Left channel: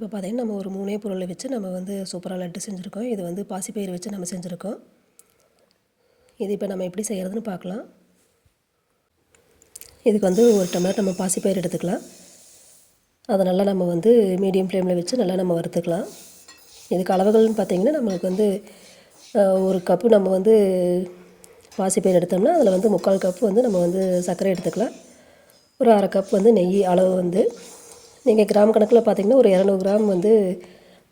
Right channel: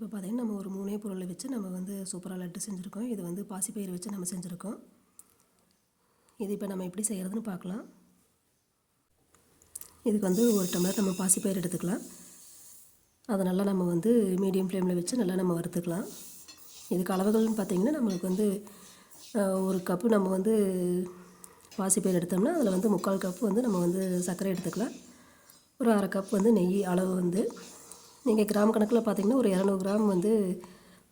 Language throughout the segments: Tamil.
இப்போ பார்த்திங்கன்னா நம்ம ஒரு 3 பொருளை வச்சு நம்ம வந்து சூப்பராக லட்டு செஞ்சுருக்கோம். இது வந்து பாசிப்பயிறு வச்சு நம்ம செஞ்சுருக்கோம். இது இப்போ நம்ம எப்படி செய்கிறதுன்னு பார்க்கலாம். இதுக்கு வந்து ஒரு டம்ளர் நம்ம பாசிப்பயிறு எடுத்துக்கலாம். அதை நல்லா நம்ம வந்து மீடியம் ஃப்ளேமில் வச்சு நல்லா நம்ம வறுத்துக்கலாம். இதுக்கு அளவுகள்னு பார்த்திங்கன்னா நம்மளுக்கு வந்து ஒரு கப்பு நம்ம வந்து பாசிப்பயிறு எடுத்தோம்னா அதில் வந்து 3/4 கப்பு வந்து நம்ம வந்து சர்க்கரை எடுத்துக்கலாம். ஒரு 1/2 கப் வந்து நெய் அளவு வந்து நீங்கள் கிராம் கணக்கில் பார்த்திங்கன்னா ஒரு 200 கிராம் வந்து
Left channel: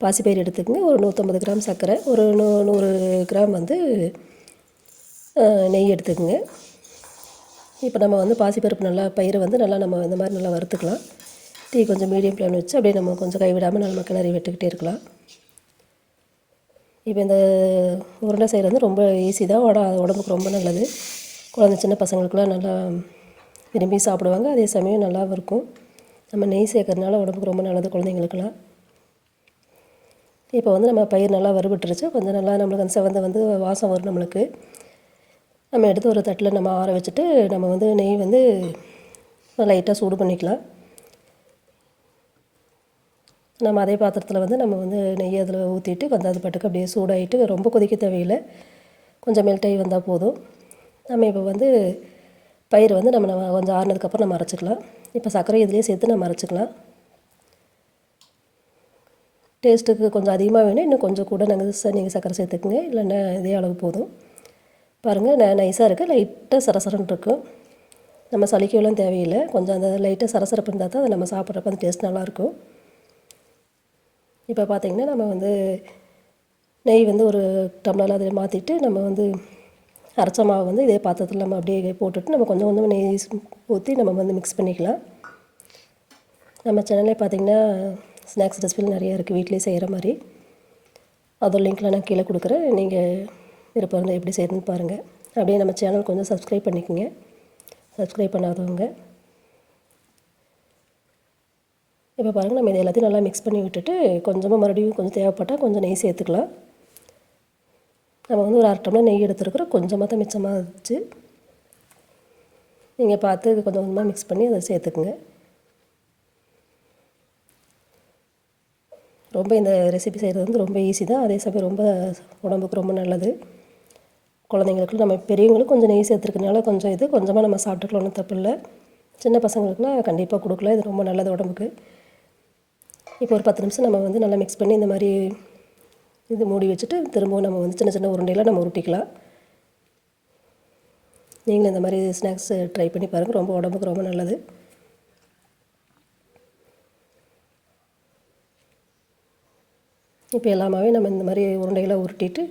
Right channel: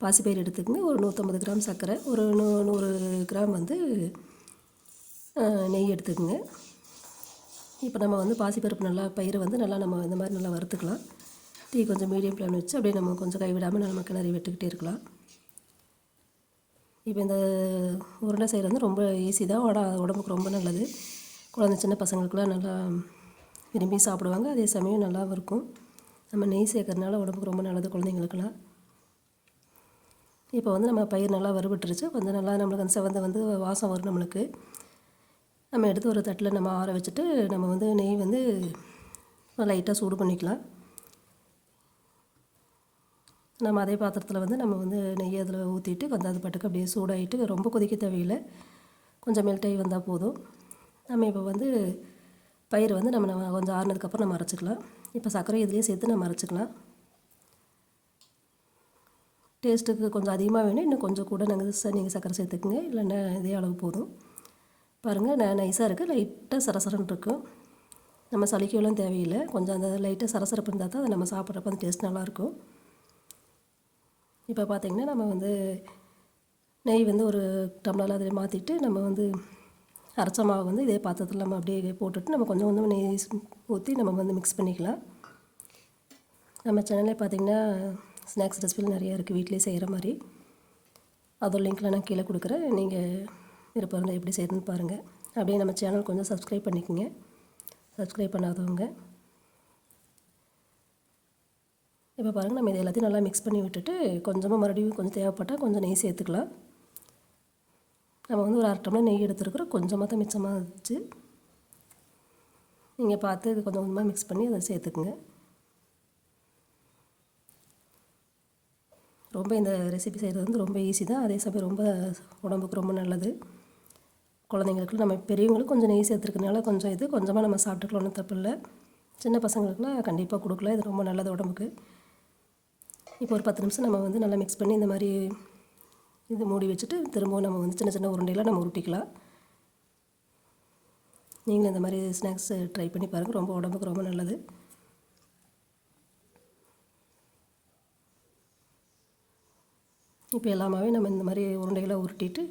பாசிப்பயிறு எடுத்துக்கங்க. ஒரு 150 கிராம் சர்க்கரை, ஒரு 100 கிராம் வந்து நெய் எடுத்துக்கோங்க. இப்போ நம்ம வந்து பாசிப்பருப்பு நல்லா பயிரை வந்து நல்லா நம்ம இந்த மாதிரி நல்லா வறுத்துக்கலாம். தீ கொஞ்சம் மீடியம் ஃப்ளேமில் வச்சு அப்படியே நம்ம கொஞ்சம் கைவிடாமல் நம்ம கிளறி விட்டுக்கிட்டே இருக்கலாம். இப்போ இந்த உருண்டை செய்கிறது வந்து ரொம்ப ஈஸி தான். உடம்புக்கு ரொம்ப நல்லது. குழந்தை சின்ன பசங்களுக்குலாம் நல்லா விரும்பி சாப்பிடுவாங்க. அதே சமயம் நல்லாவும் இருக்கும். நம்ம நெய் சேர்க்கறதுனால உடம்புக்கு ரொம்ப நல்லது குழந்தைங்களுக்குலாம். இப்போ வந்து நம்ம பயிர் நல்லா வறுபட்டுருச்சு. கொஞ்சம் நல்லா நம்மளுக்கு அந்த செவந்த வந்து வாசம் வரும் நம்மளுக்கு. நம்ம எடுத்து ஒரு தட்டில் நம்ம ஆற வச்சுட்டு நம்ம வந்து நெய் வந்து லைட்டாக சூடு பண்ணிக்கலாம். நம்ம அதே பாத்திரத்தில் வந்து நம்ம வந்து நெய் அதில் ஊற்றிட்டு கொஞ்சம் அது பாட்டுக்கு அப்படியே சூடாகிட்டு ரொம்ப கொதிக்க தேவையில்லை. கொஞ்சம் மெல்ட் ஆகி வந்தால் போதும். நம்ம இப்போ வந்து பயிர் வந்து நம்ம கொஞ்சம் ஆறுனதுக்கப்புறம் நம்ம அரைச்சிக்கலாம். இப்போ சர்க்கரை இதிலே சேர்த்து நம்ம அரைச்சிக்கலாம். டேஸ்ட்டுக்கு கொஞ்சம் அதிகமாக வேணும், இன்னும் கொஞ்சம் கூட நீங்கள் சர்க்கரை சேர்த்துக்குங்க. இல்லைன்னா இதே அளவு போதும். பாருங்கள் நைஸாக இருக்குது. லைட்டாக சரசரன்னு இருக்கும். நம்ம சலிக்கவெல்லாம் தேவையில்லை. கொஞ்சம் அந்த லைட்டாக சரசரப்பு இருந்தால் தான் அதை நம்ம சாப்பிட்றப்ப அந்த டேஸ்ட் நல்லாயிருக்கும். இப்போ பார்த்திங்கன்னா நம்ம வந்து நெய் வந்து ஒரு டம்ளரில் அதில் மாற்றிட்டு நம்ம வந்து அரைச்ச மாவு வந்து இதே பாத்திரத்தில் நம்ம அப்படியே போட்டுட்டு நம்ம கொஞ்சம் கொஞ்சம் நெய் ஊற்றி நம்ம வந்து மிக்ஸ் பண்ணிக்கலாம். நம்ம சேனல்லே பார்த்திங்கன்னா ஸ்நாக்ஸ் ரெசிபியில் நிறையா இருக்குது வீட்டிலே செய்கிற மாதிரி. அதோட லிங்க்கில் நான் கீழே கொடுக்குறேன். நீங்கள் விருப்பம் இருந்தால் எப்படி செய்யணும்னு பாருங்கள். அப்படியே நம்ம சேனல் கொஞ்சம் சப்ஸ்கிரைப் பண்ணிக்கோங்க, சப்ஸ்கிரைப் பண்ணாதவங்க. இப்போ பாருங்கள் நம்ம இது எல்லாத்தையும் நல்லா மிக்ஸ் பண்ணி விட்டுட்டு கொஞ்சமாக மறுபடியும் கொஞ்சம் தேவைப்பட்டால் கொஞ்சம் நெய் சேர்த்துக்கலாம். நம்ம வந்து ஒரு 1/2 டம்ளர் நெய் எடுத்துருக்குறோம். கொஞ்சமாக தான் மிச்சமாக இருந்துச்சு. நீங்கள் பார்த்து கொஞ்சம் கொஞ்சமாக மிக்ஸ் பண்ணி அதை சேர்த்துக்குங்க. ரொம்ப இந்த ரெசிபி செய்கிறது வந்து ரொம்ப ஈஸி தான். அதே சமயம் ரொம்ப உடம்புக்கு ரொம்ப நல்லது. குழந்தைங்களுக்கு நம்ம பெரியவங்களும் கொஞ்சம் நெய் சேர்த்துருக்கனால கொஞ்சம் இது கொஞ்சமாக நம்ம சாப்பிட்டுக்கலாம், ஒன்றும் தப்பு இல்லை. சின்ன பசங்களுக்குலாம் கண்டிப்பாக கொடுக்கலாம். இது ரொம்ப நல்லது உடம்புக்கு. இப்போ ஒரு 10 நிமிஷம் நம்ம வந்து நல்லா மிக்ஸ் பண்ணி இந்த மாதிரி இது மூடி வச்சுட்டு திரும்பவும் நம்ம வந்து சின்ன சின்ன உருண்டையில் நம்ம உருட்டிக்கலாம். நீங்களும் இந்த மாதிரி ஸ்நாக்ஸ் ட்ரை பண்ணி பாருங்கள். ரொம்ப உடம்புக்கு ரொம்ப நல்லது. இப்போ எல்லாமே நம்ம இந்த மாதிரி உருண்டைகளை உருட்டிட்டு